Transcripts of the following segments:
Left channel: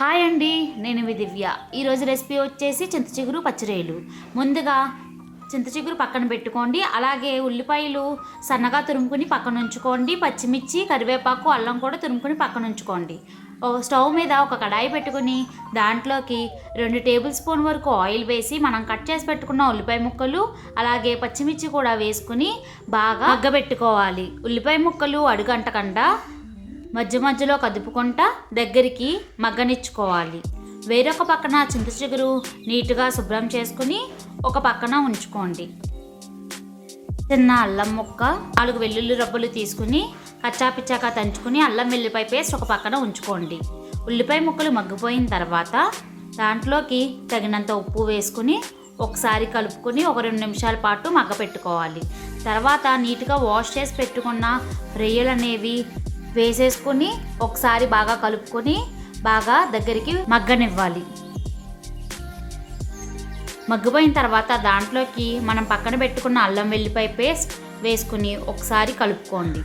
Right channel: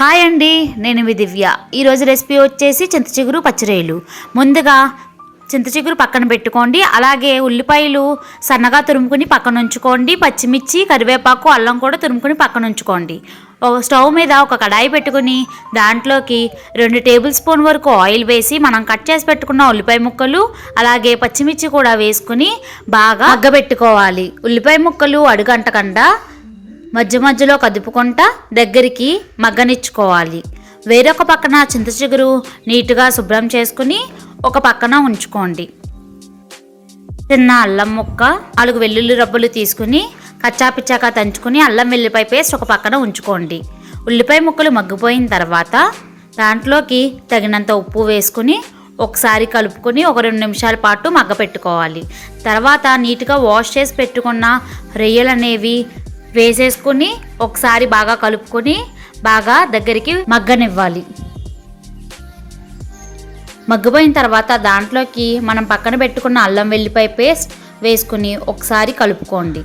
Hi అండి, నేను మీ దివ్య. ఈరోజు రెసిపీ వచ్చేసి చింతచిగురు పచ్చిరొయ్యలు. ముందుగా చింతచిగురు పక్కన పెట్టుకోండి. అలాగే ఉల్లిపాయలు సన్నగా తురుముకుని పక్కన ఉంచుకోండి. పచ్చిమిర్చి, కరివేపాకు, అల్లం కూడా తురుముకుని పక్కన ఉంచుకోండి. ఒక స్టవ్ మీద ఒక కడాయి పెట్టుకుని దాంట్లోకి 2 టేబుల్ స్పూన్ వరకు ఆయిల్ వేసి మనం కట్ చేసి పెట్టుకున్న ఉల్లిపాయ ముక్కలు అలాగే పచ్చిమిర్చి కూడా వేసుకుని బాగా మగ్గబెట్టుకోవాలి. ఉల్లిపాయ ముక్కలు అడుగంటకుండా మధ్య మధ్యలో కదుపుకుంటా దగ్గరికి మగ్గనిచ్చుకోవాలి. వేరొక పక్కన చింతచిగురు నీట్గా శుభ్రం చేసుకుని ఒక పక్కన ఉంచుకోండి. చిన్న అల్లం ముక్క, 4 వెల్లుల్లి రబ్బలు తీసుకుని కచ్చాపిచ్చాక తంచుకుని అల్లం వెల్లిపాయ పేస్ట్ ఒక పక్కన ఉంచుకోండి. ఉల్లిపాయ ముక్కలు మగ్గిపోయిన తర్వాత దాంట్లోకి తగినంత ఉప్పు వేసుకుని ఒకసారి కలుపుకొని ఒక 2 నిమిషాల పాటు మగ్గపెట్టుకోవాలి. తర్వాత నీట్గా వాష్ చేసి పెట్టుకున్న రొయ్యలు అనేవి వేసేసుకుని ఒకసారి బాగా కలుపుకొని బాగా దగ్గరికి మగ్గనివ్వాలి. మగ్గిపోయిన తర్వాత దాంట్లోకి మనం పక్కన పెట్టుకున్న అల్లం వెల్లిపాయ పేస్ట్ వేసుకుని ఒకసారి కలుపుకోండి.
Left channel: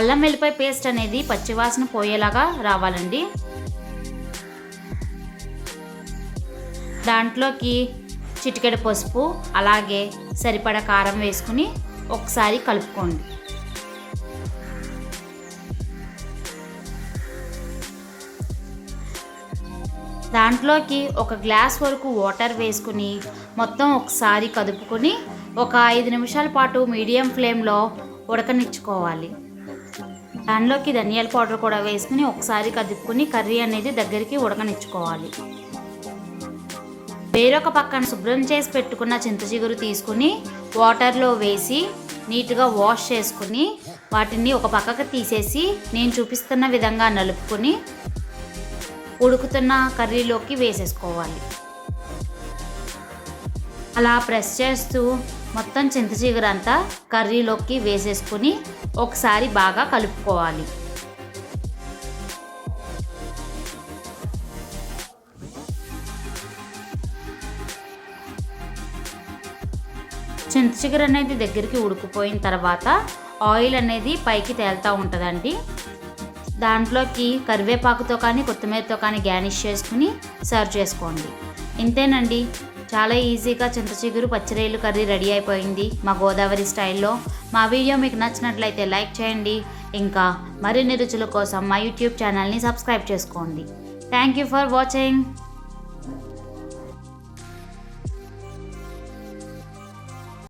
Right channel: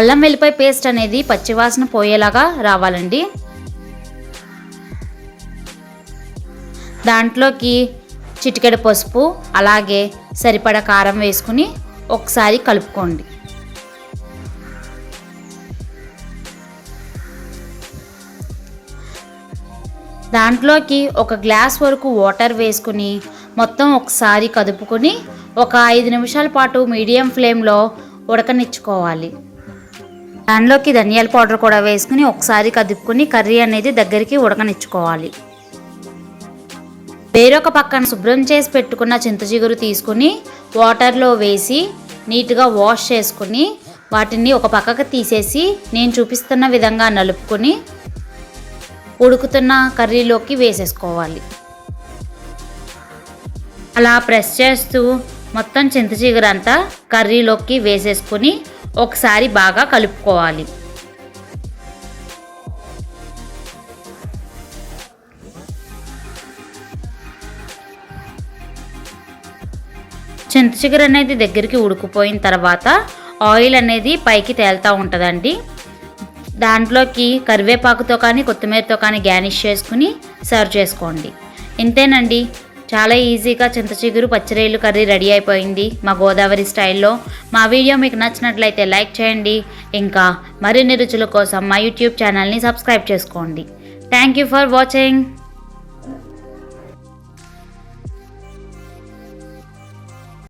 అల్లం వెల్లిపాయ పేస్ట్ అనేది పచ్చివాసన పోయేలాగా రావాలండి. దాంట్లోకి చిటికెడు పసుపు అలాగే సరిపడా కారం వేసుకుని ఒకసారి కలుపుకోండి. దాంట్లోకి 1 గ్లాస్ వరకు వాటర్ వేసుకుని మొత్తం ఒకసారి కదుపుకొని ఒక 5 నిమిషాల పాటు మీడియం ఫ్లేమ్లో ఉడకనిచ్చుకోవాలి. దాంట్లోకి ధనియాల పౌడర్ కూడా వేసుకుని ఒకసారి కదుపుకొని కర్రీ అనేది దగ్గరికి ఉడకనిచ్చుకోవాలి. వేరొక పక్కన శుభ్రం చేసి పెట్టుకున్న చింతచిగురు తీసుకుని వాటర్లో వేసి నీట్గా వాష్ చేసుకుని వాటిని ఒక పక్కకు తీసేసి నేను చూపిస్తున్న విధంగా నలుపుకొని ఉడుకుతున్న కర్రీలోకి వేసేసుకోవాలి. అలా ప్రెస్ చేస్తూ మొత్తం చింతచిగురు అంతా కర్రీలోకి వేసేసుకొని ఒకసారి బాగా కలుపుకోవాలి. చింతచిగురు అనేది దగ్గరికి ఉడికిపోయిన తర్వాత ఆయిల్ అనేది పైకి తేలుతూ ఉంటుందండి. దాంట్లోకి కరివేపాకుతో కానీ కొత్తిమీరతో కానీ గార్నిష్ చేసుకుని సర్వ్ చేసుకోండి. ఇంతేనండి, చాలా ఈజీగా చింతచిగురు పచ్చిరొయ్యలు కర్రీ రెడీ అయిపోయింది మా గోదావరి స్టైల్లో. మా వీడియో మీకు నచ్చినట్లయితే లైక్ చేయండి. ఇంకా మరిన్ని రుచుల కోసం మా యూట్యూబ్ ఛానల్ని సబ్స్క్రైబ్ చేసుకోండి. Thank you for watching.